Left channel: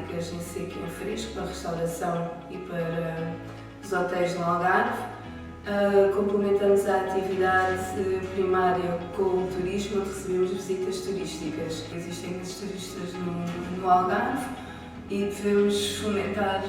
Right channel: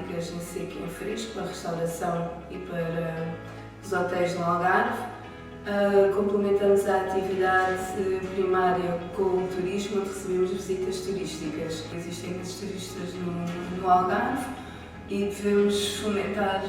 temáticas em seco e em fresco, para a restauração e para os hotéis no Algarve. Complementamos a atividade primária com o turismo, onde recebemos visitas turísticas. Existem muitos turistas no Algarve e devemos fomentar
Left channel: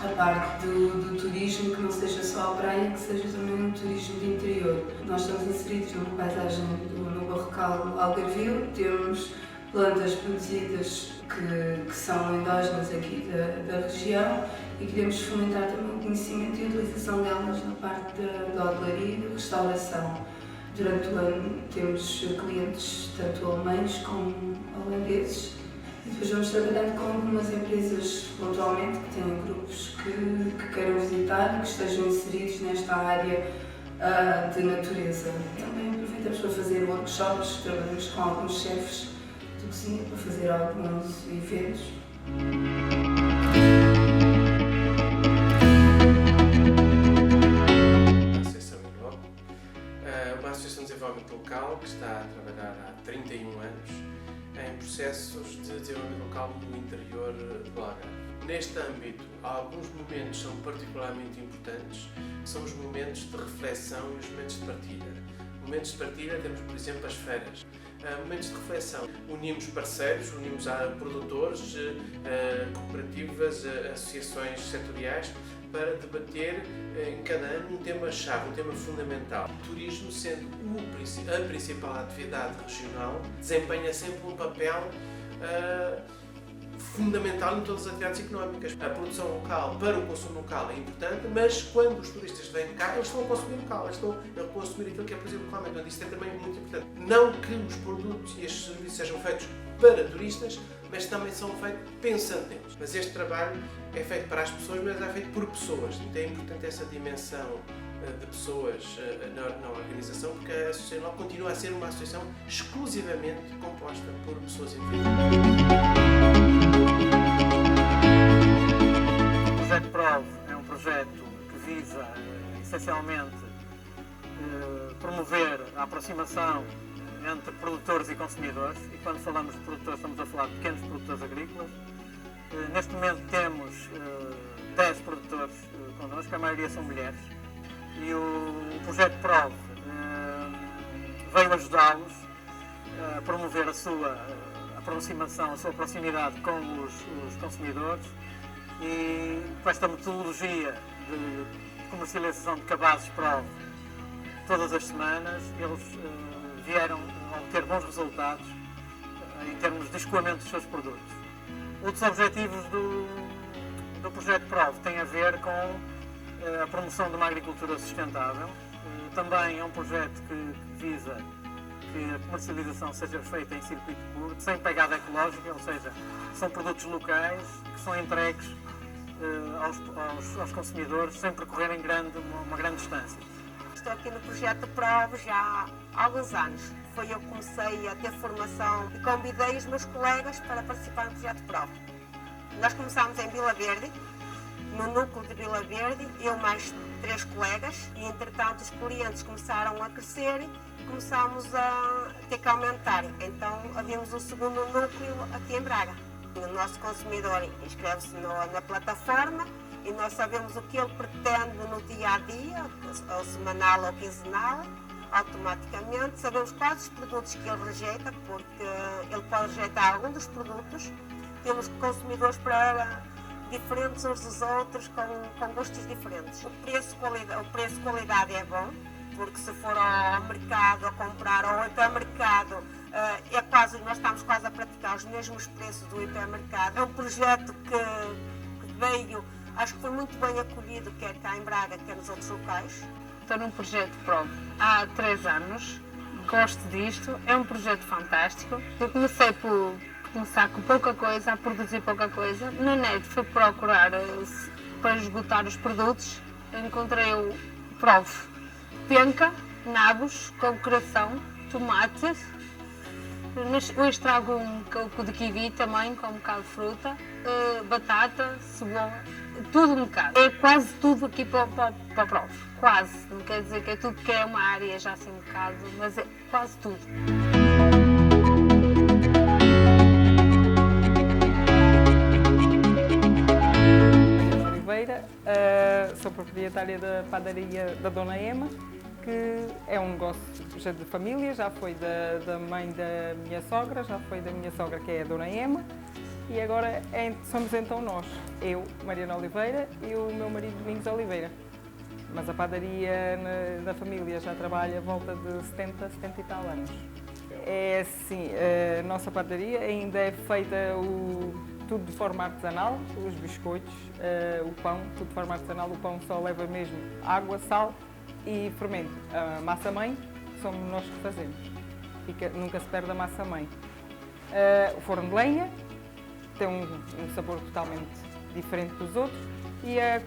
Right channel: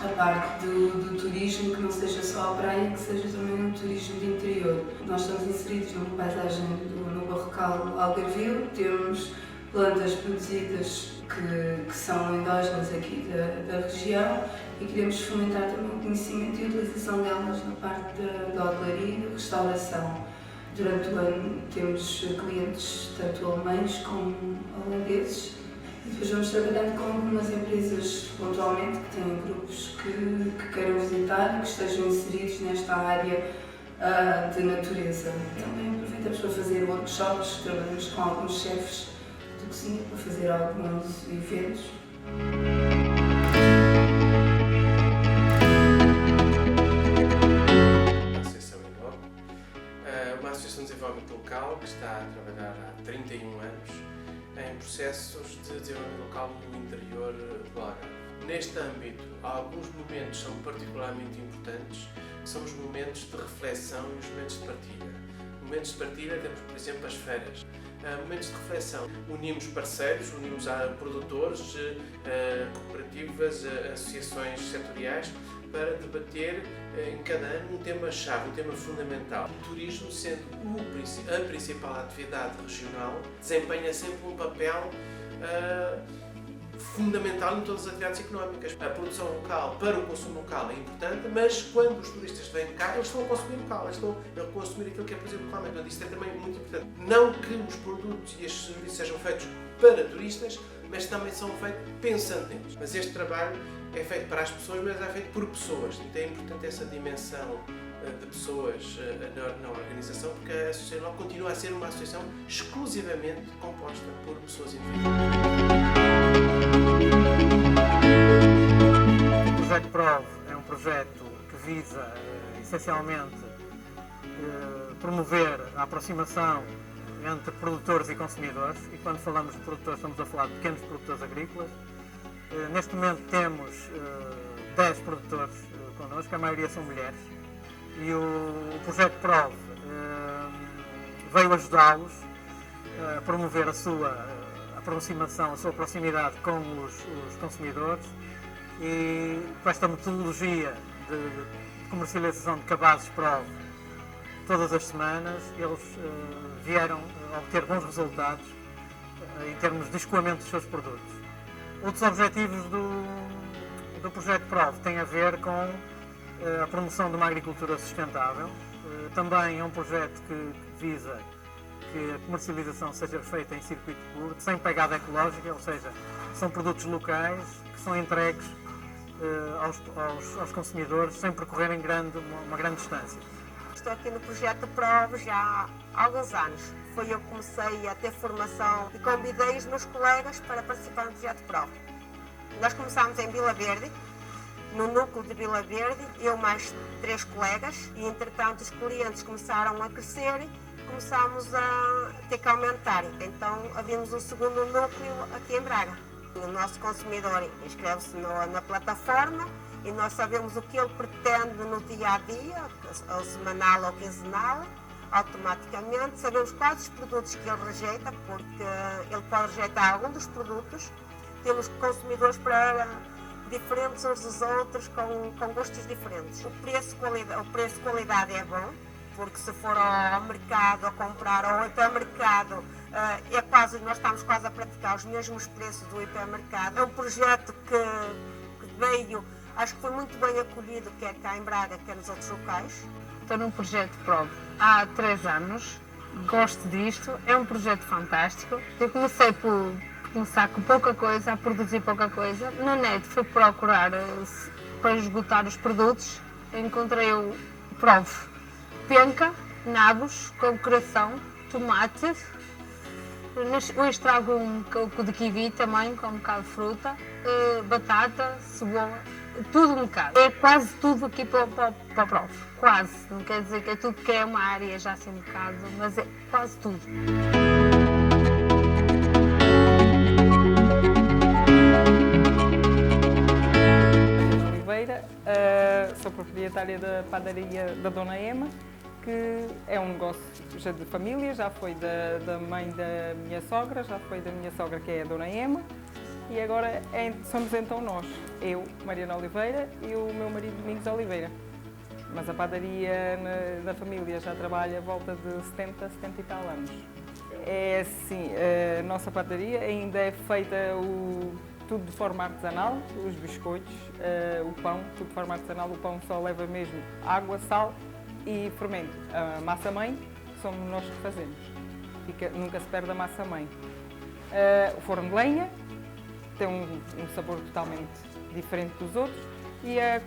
a parte do turismo, que não seja só a praia, que seja também um turismo de interior. Nós estamos inseridos numa paisagem no Barrocal Algarvio, temos plantas produzidas que são endógenas aqui da região e queremos fomentar também o conhecimento e a utilização delas na parte da hotelaria e da restauração. Durante o ano temos clientes tanto alemães como holandeses e depois vamos trabalhando com algumas empresas pontualmente que têm grupos que queiram visitar e que estejam inseridos nesta área de natureza. Também aproveitamos para fazer workshops, trabalhamos com alguns chefes de cozinha para fazer alguns eventos. Uma associação de desenvolvimento local que está a trabalhar há 31 anos em processos de desenvolvimento local no interior do Algarve. Neste âmbito, alguns momentos são particularmente importantes, que são os momentos de reflexão e os momentos de partilha. Momentos de partilha temos, por exemplo, as feiras. Momentos de reflexão, unimos parceiros, unimos produtores, cooperativas, associações setoriais, para debater em cada ano um tema-chave, um tema fundamental. O turismo, sendo a principal atividade regional, desempenha sempre um papel fundamental em todas as atividades económicas. A produção local para o consumo local é importante, mas quando os turistas vêm cá, eles estão a consumir local, eles estão a consumir aquilo que é produzido localmente. Então, isto é também muito importante. Não que os produtos e estes serviços sejam feitos para turistas, mas também são feitos pensando neles. Mas este trabalho é feito para as pessoas, mas é feito por pessoas. Então é importante essa dimensão de pessoas na organização, porque a Associação continua a ser uma associação exclusivamente composta por pessoas individuais. O projeto PROV é um projeto que visa, essencialmente, promover a aproximação entre produtores e consumidores. E quando falamos de produtores, estamos a falar de pequenos produtores agrícolas. Neste momento temos 10 produtores connosco, a maioria são mulheres, e o projeto PROV veio ajudá-los a promover a sua aproximação, a sua proximidade com os consumidores, e com esta metodologia de comercialização de cabazes PROV todas as semanas, eles vieram a obter bons resultados em termos de escoamento dos seus produtos. Outros objetivos do projeto PROV têm a ver com a promoção de uma agricultura sustentável. Também é um projeto que visa que a comercialização seja feita em circuito público, sem pegada ecológica, ou seja, são produtos locais que são entregues aos consumidores sem percorrerem uma grande distância. Estou aqui no projeto PROV já há alguns anos. Foi eu que comecei a ter formação e convidei os meus colegas para participar no projeto PROV. Nós começámos em Vila Verde, no núcleo de Vila Verde, eu mais 3 colegas, e entretanto os clientes começaram a crescer e começámos a ter que aumentar. Então havíamos um segundo núcleo aqui em Braga. O nosso consumidor inscreve-se na plataforma e nós sabemos o que ele pretende no dia a dia, ou semanal ou quinzenal. Automaticamente sabemos quais os produtos que ele rejeita, porque ele pode rejeitar algum dos produtos. Temos consumidores para diferentes uns dos outros, com gostos diferentes. O preço-qualidade é bom, porque se for ao mercado a comprar ou ao hipermercado, nós estamos quase a praticar os mesmos preços do hipermercado. É um projeto que veio, acho que foi muito bem acolhido, quer cá em Braga, quer nos outros locais. Estou num projeto PROV há 3 anos, gosto disto, é um projeto fantástico. Eu comecei por começar com pouca coisa, a produzir pouca coisa. Na net fui procurar para esgotar os produtos, encontrei o PROV, penca, nabos, com coração, tomate, hoje trago um coco de kiwi também, com um bocado de fruta, batata, cebola, tudo um bocado. É quase tudo aqui para o PROV, quase. Não quer dizer que é tudo, porque é uma área já assim um bocado, mas é quase tudo. Oliveira, sou proprietária da padaria da Dona Ema, que é um negócio já de família, já foi da mãe da minha sogra, já foi da minha sogra, que é a Dona Ema, e agora somos então nós, eu, Mariana Oliveira, e o meu marido Domingos Oliveira. Mas a padaria da família já trabalha a volta de 70 e tal anos. É assim, a nossa padaria ainda é feita tudo de forma artesanal, os biscoitos, o pão, tudo de forma artesanal. O pão só leva mesmo água, sal e fermento. A massa-mãe somos nós que fazemos, nunca se perde a massa-mãe. O forno de lenha tem um sabor totalmente diferente dos outros e a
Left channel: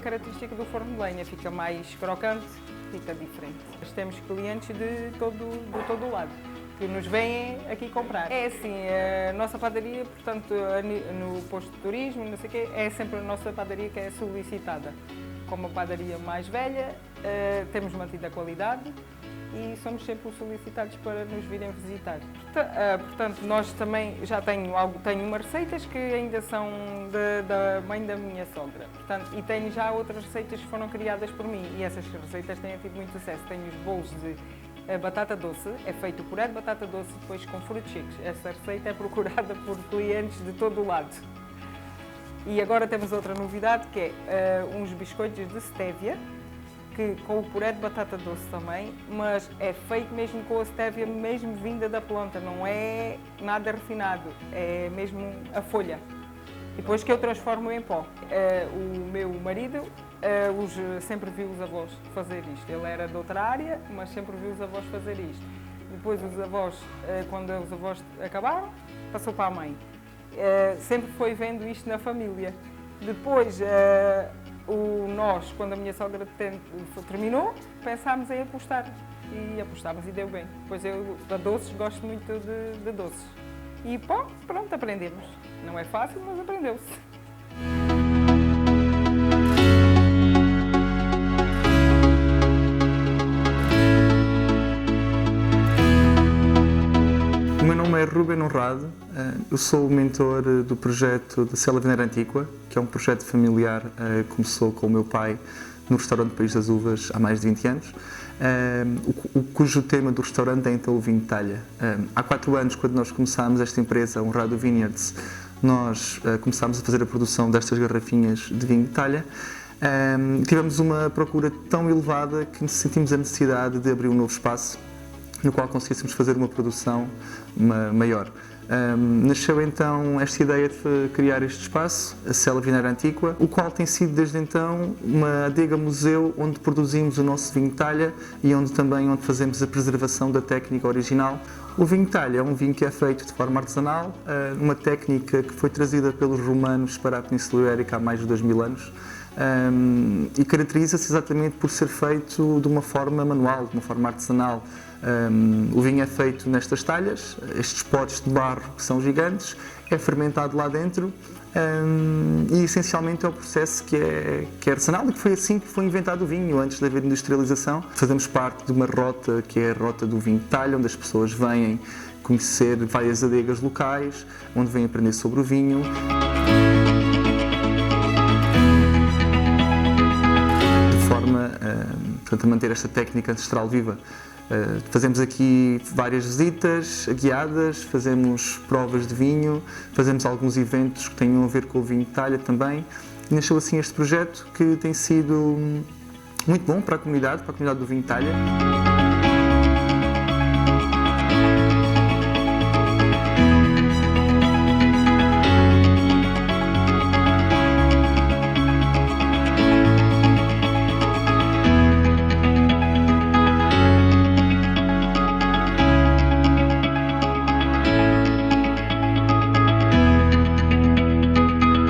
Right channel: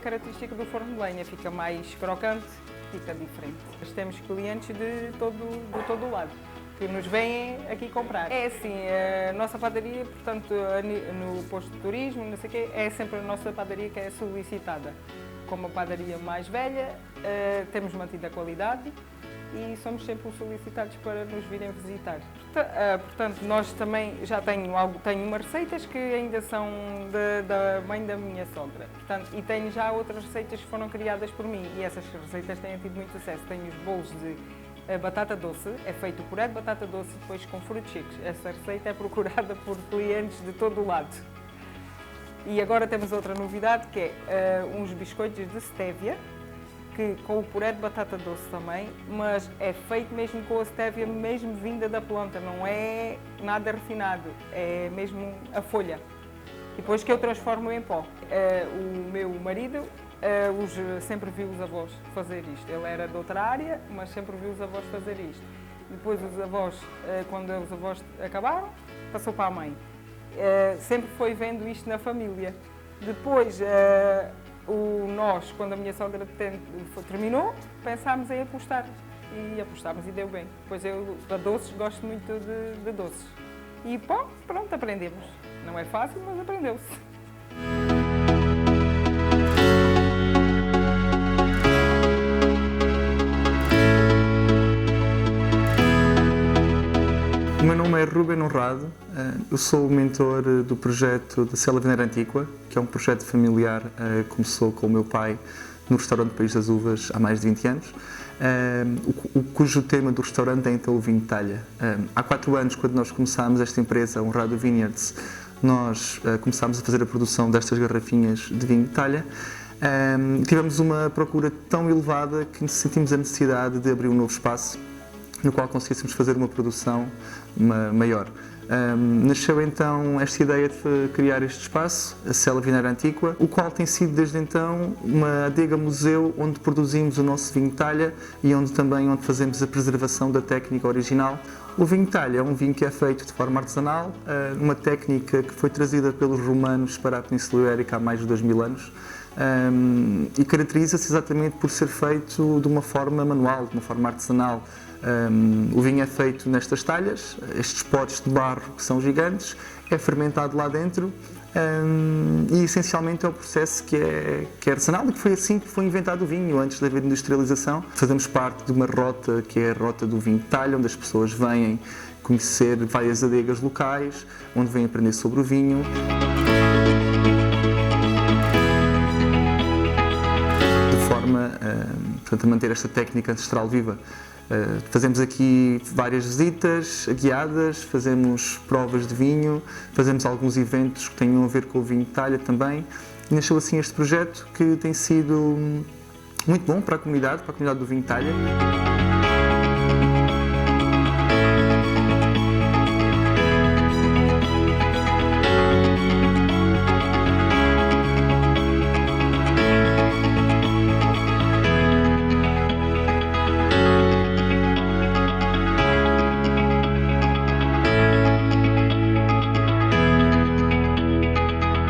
característica do forno de lenha fica mais crocante, fica diferente. Nós temos clientes de todo o lado que nos vêm aqui comprar. É assim, a nossa padaria, portanto, no posto de turismo, não sei o quê, é sempre a nossa padaria que é solicitada. Como a padaria mais velha, temos mantido a qualidade e somos sempre solicitados para nos virem visitar. Portanto, nós também já tenho umas receitas que ainda são da mãe da minha sogra. Portanto, e tenho já outras receitas que foram criadas por mim e essas receitas têm tido muito sucesso. Tenho os bolos de batata doce, é feito o puré de batata doce depois com frutos secos. Essa receita é procurada por clientes de todo o lado. E agora temos outra novidade que é uns biscoitos de stevia, que com o puré de batata doce também, mas é feito mesmo com a stevia mesmo vinda da planta, não é nada refinado, é mesmo a folha. E depois que eu transformo em pó. O meu marido sempre viu os avós fazer isto. Ele era de outra área, mas sempre viu os avós fazer isto. Depois os avós, quando os avós acabaram, passou para a mãe. Sempre foi vendo isto na família. Depois, nós, quando a minha sogra terminou, pensámos em apostar. E apostámos e deu bem. Pois eu, a doces, gosto muito de doces. E pronto, aprendemos. Não é fácil, mas aprendeu-se. O meu nome é Ruben Honrado, eu sou o mentor do projeto da Cela Vineira Antiqua, que é um projeto familiar que começou com o meu pai no restaurante País das Uvas há mais de 20 anos, cujo tema do restaurante é então o vinho de talha. Há 4 anos, quando nós começámos esta empresa, Honrado Vineyards, nós começámos a fazer a produção destas garrafinhas de vinho de talha. Tivemos uma procura tão elevada que sentimos a necessidade de abrir um novo espaço no qual conseguíssemos fazer uma produção maior. Nasceu então esta ideia de criar este espaço, a Cela Vineira Antiqua, o qual tem sido desde então uma adega museu onde produzimos o nosso vinho de talha e onde fazemos a preservação da técnica original. O vinho de talha é um vinho que é feito de forma artesanal, uma técnica que foi trazida pelos romanos para a Península Ibérica há mais de 2000 anos. E caracteriza-se exatamente por ser feito de uma forma manual, de uma forma artesanal. O vinho é feito nestas talhas, estes potes de barro que são gigantes, é fermentado lá dentro e essencialmente é um processo que é artesanal e que foi assim que foi inventado o vinho, antes de haver industrialização. Fazemos parte de uma rota que é a rota do vinho de talha, onde as pessoas vêm conhecer várias adegas locais, onde vêm aprender sobre o vinho. De forma a manter esta técnica ancestral viva. Fazemos aqui várias visitas guiadas, fazemos provas de vinho, fazemos alguns eventos que tenham a ver com o vinho de talha também. E nasceu assim este projeto que tem sido muito bom para a comunidade do vinho de talha.